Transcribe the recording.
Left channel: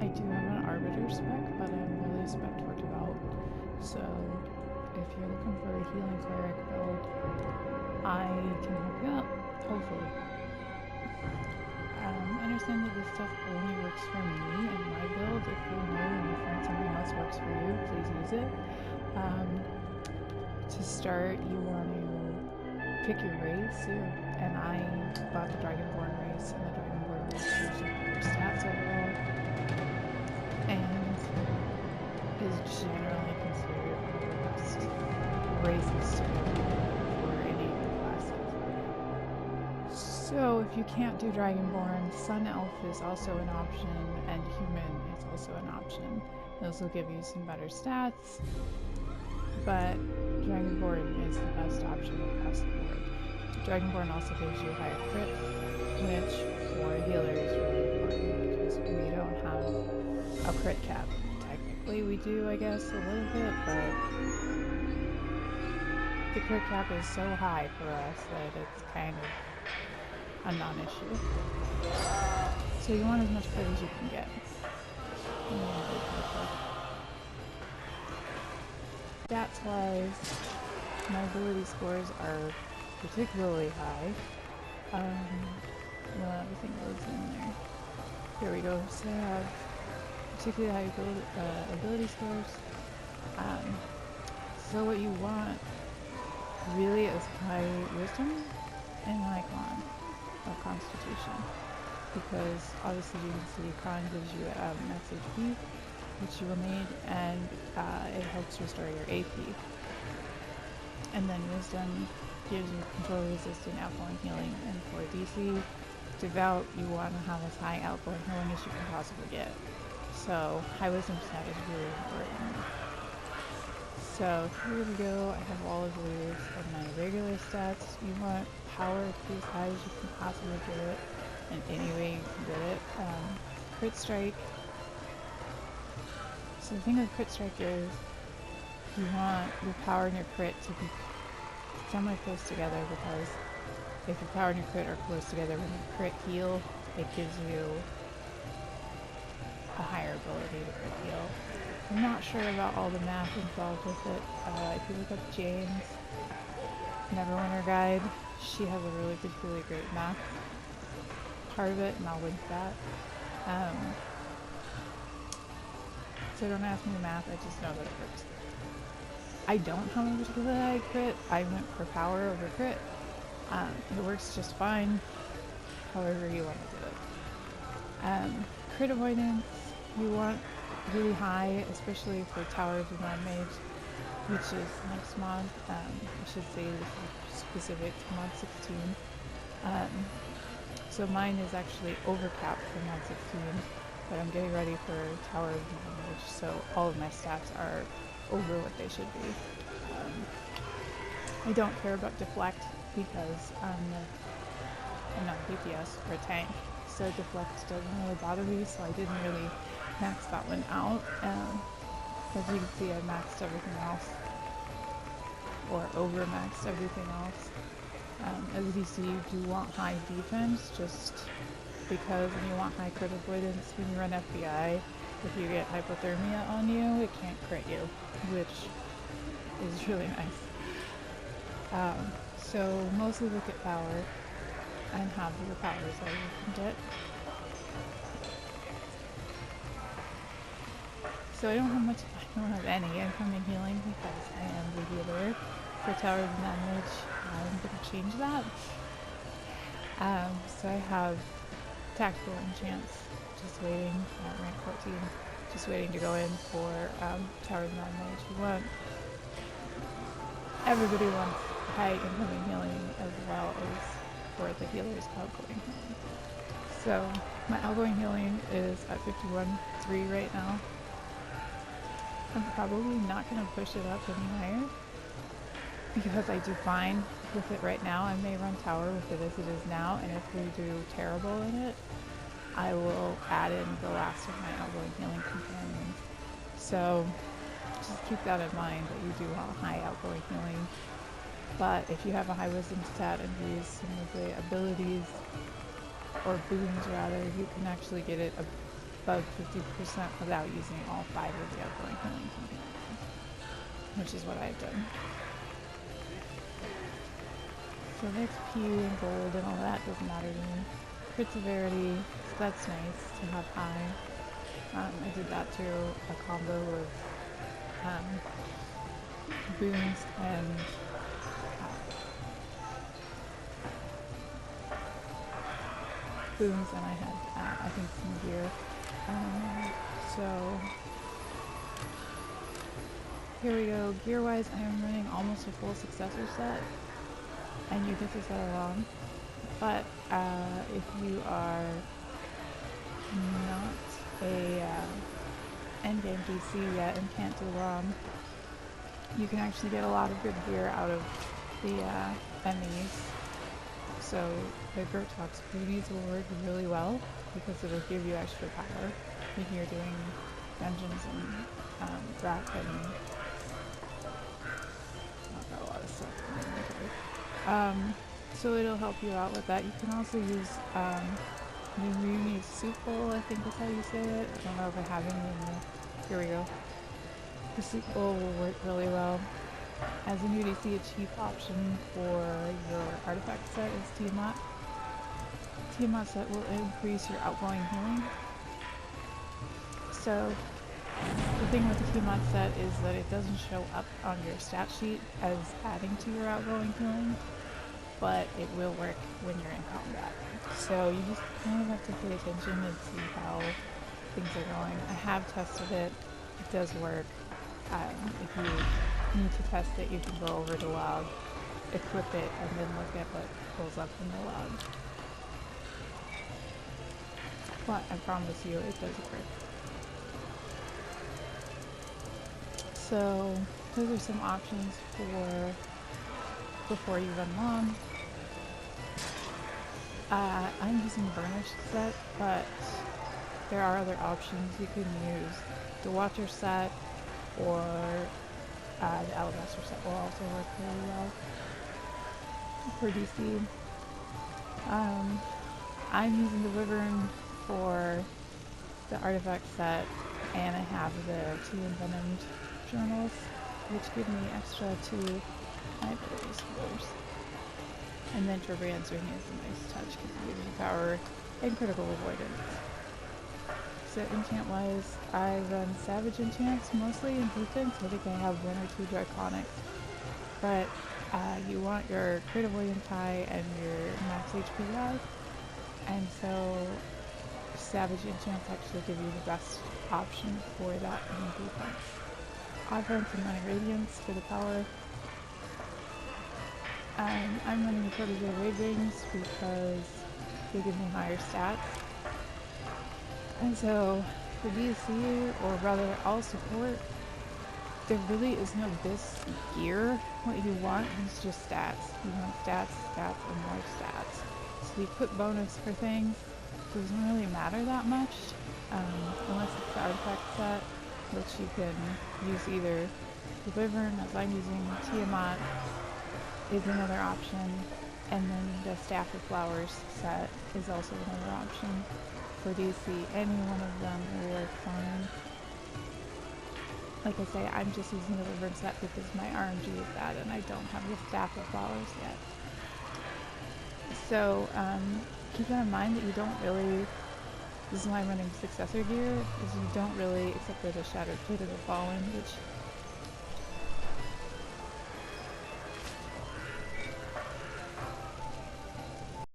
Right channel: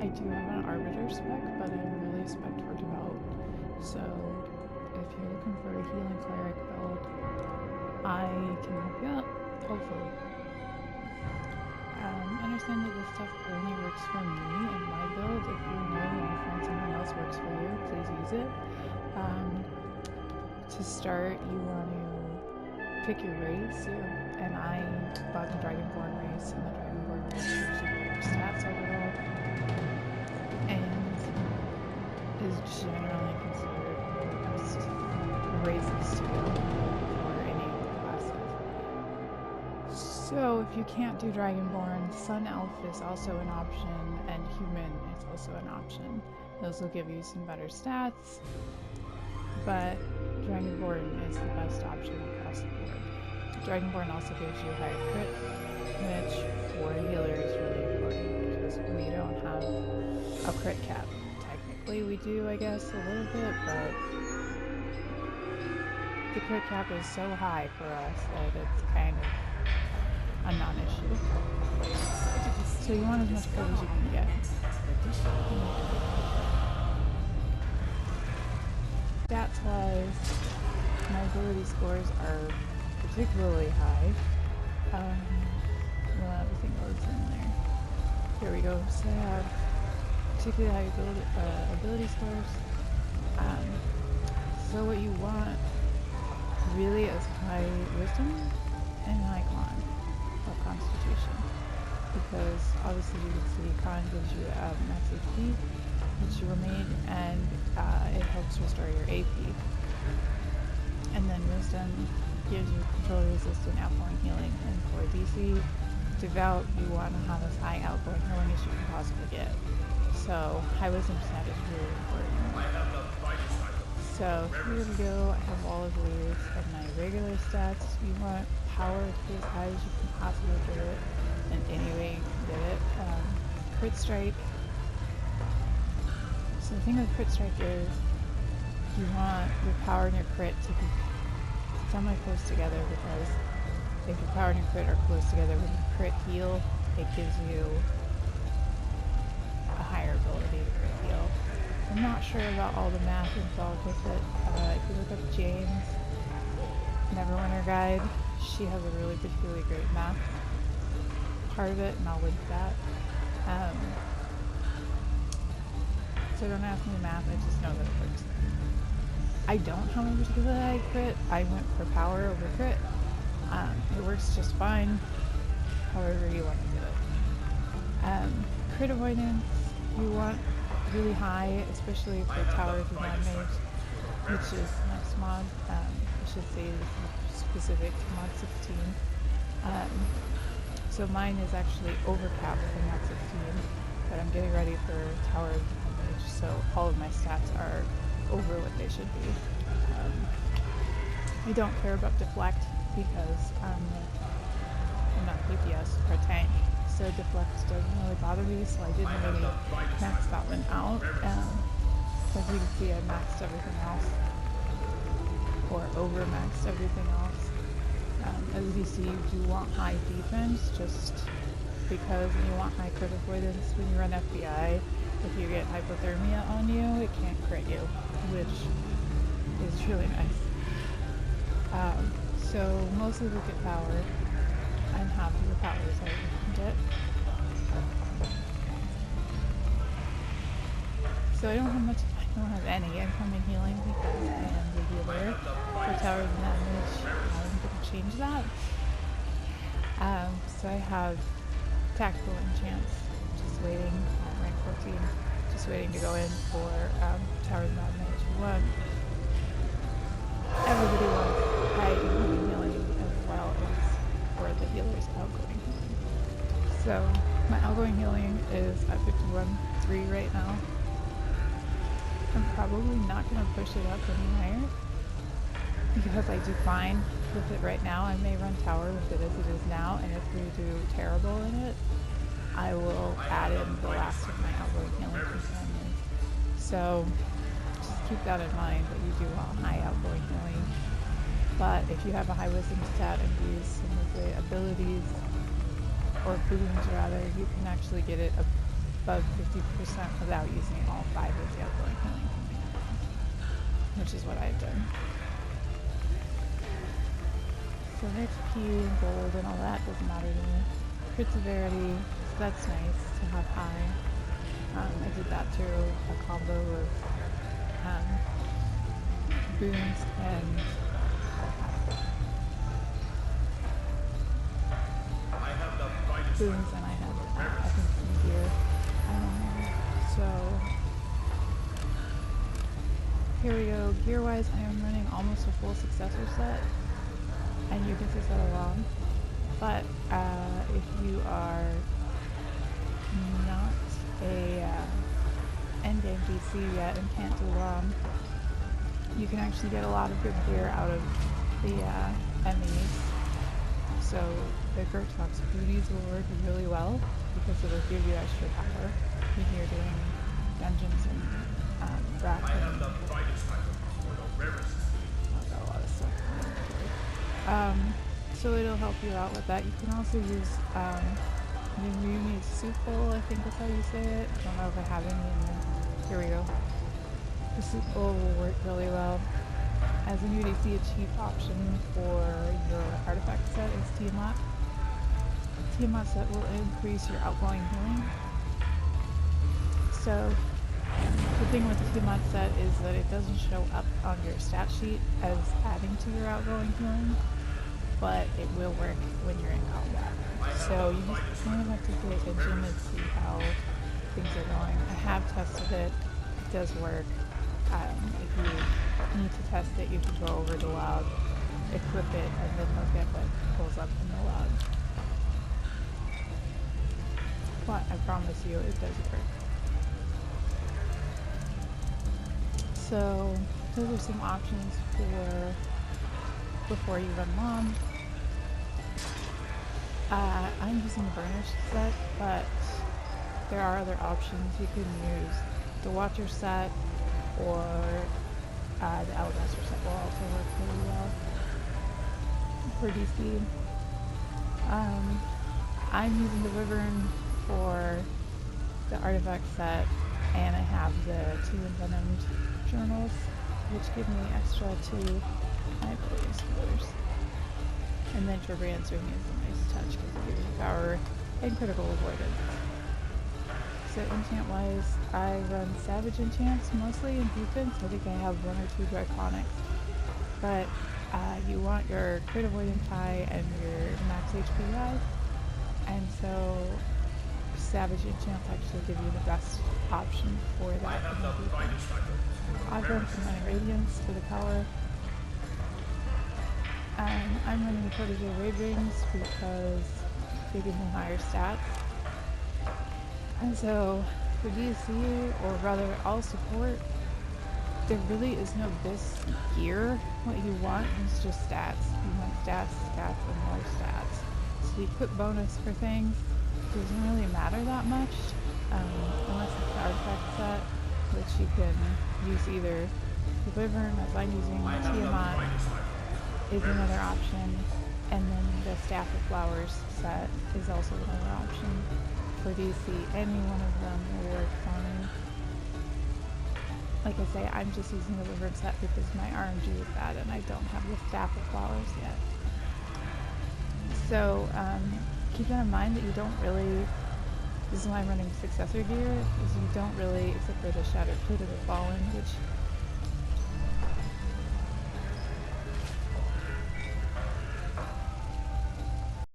I do have an Arbiter spec, but I'm really spec for Devout. So if you're looking for a healing cleric build, I can help you out, hopefully. Understand that this stuff only works for me and my build. If you're new and you find something else works for you, please use it. To start, you want to pick your race, and I bought the Dragonborn race, and the Dragonborn race gives you better stats overall, and is generally considered one of the best races to go for any of the classes. So if you can't do Dragonborn, Sun Elf is also an option, and Human is also an option. Those will give you some better stats, but Dragonborn is the best option across the board. Dragonborn also gives you higher crit, which for a healer is really important because we don't have a crit cap. Technically we do, I guess, a little bit, but the crit cap is so high for us that it's kind of a non-issue. So you want as much crit as you can get. Stats wise, my ability scores are particularly high. Well, everything loads in there. Here we go. So I have particularly high ability scores. So what you want really is high wisdom and high con, or constitution, because obviously you can see con gives you max HP, which you will need, and it helps restore your AP. And then wisdom gives you control resistant outgoing healing, and for DC Devout you want to have as high outgoing healing as you can possibly get. So high wisdom stat is really important. So here we go. I have all of these of my regular stats. You want power to be as high as you can possibly get it, and any way you can get it. Crit strike. So the thing with crit strike is you want your power and your crit to be semi-close together, because if your power and your crit are close together, when you crit heal, it gives you a higher ability to crit heal. I'm not sure about all the math involved with it. If you look up Jane's Neverwinter guide, she has a really particularly great math part of it, and I'll link that. So don't ask me the math, I just know that it works. I don't have a particularly high crit. I went for power over crit. It works just fine, however you want to do it. Crit avoidance, you want really high, especially for Tower of the Mad Mage, which is the next mod. I should say this is specific to mod 16. So mine is actually overcapped for mod 16, but I'm getting ready for Tower of the Mad Mage, so all of my stats are over what they should be. I don't care about deflect because I'm not DPS or tank, so deflect doesn't really bother me, so I didn't really max that one out. As you can see, I maxed everything else, or over maxed everything else. As DC, you do want high defense, just because when you want high crit avoidance, when you run FBI, if you get hypothermia on you, it can't crit you, which is really nice. So mostly look at power and have your powers that you can get. So I don't have any incoming healing because I am the healer for Tower of the Mad Mage. I'm going to change that. So I have Tactical Enchants, just waiting at rank 14, just waiting to go in for Tower of the Mad Mage. Everybody wants high incoming healing as well as for the healer's outgoing healing. So my outgoing healing is at 51.3 right now. I'm probably not going to push it up any higher because I do fine with it right now. I may run Tower with it as it is now, and if we do terrible in it, I will add in the last of my outgoing healing companions. So just keep that in mind, that you do want high outgoing healing. But if you have a high wisdom stat and use some of the abilities, or boons rather, you can actually get it above 50% without using all 5 of the outgoing healing command, which is what I've done. So the XP and gold and all that doesn't matter to me. Crit severity, so that's nice to have high. I did that through a combo of boons and I had, I think, some gear. So here we go. Gear-wise, I am running almost a full successor set, and you get to set along. But if you are not a endgame DC yet and can't do ROM, you can actually get a lot of good gear out of the MEs. So the Gertox booties will work really well because it'll give you extra power when you're doing dungeons and rack and I've got a lot of stuff in my inventory. So it'll help you out with that. You can also use Neverwinter soup bowl, I think that's how you say it. I don't know if I have any in there. Here we go. The soup bowl will work really well. As a new DC, a cheap option for your artifact set is Tiamat. Tiamat set will increase your outgoing healing. So the thing with the Tiamat set is that it doesn't show up on your stat sheet as adding to your outgoing healing, but it will work when you're in combat. So you just kind of have to pay attention and see how things are going. I have tested it. It does work. If you need to test it, you can go over to log, equip it, and then look at what pulls up in the log. But I promise you, it does work. So those are some options for before you run LOM. I'm using the burnished set, but there are other options. You can use the Watcher set, or the Alabaster set will also work really well for DC. I'm using the Wyvern for the artifact set, and I have the 2 envenomed journals, which give me extra to my ability scores. And then Turbo Answering is a nice touch because it gives you power and critical avoidance. So enchant wise, I run Savage enchants mostly in defense. I think I have 1 or 2 Draconics. But you want your crit avoidance high and your max HP high. And so Savage enchants actually give you the best option for that in the defense. Offense, I'm running Radiance for the power. I'm running the Protege Raid Rings because they give me higher stats. And so for DC, or rather all support, there really is no this gear. What you want is just stats. You want stats, stats, and more stats. So the equip bonus for things doesn't really matter that much, unless it's the artifact set, which you can use either the Wyvern, as I'm using Tiamat, is another option, and then the Staff of Flowers set is also another option. For DC, any one of them will work fine. Like I say, I'm just using the Wyvern set because my RNG is bad and I don't have the Staff of Flowers yet. So keep that in mind that you don't really, this is why I'm running successor gear, is you don't really, except for the Shattered Plate of the Fallen, which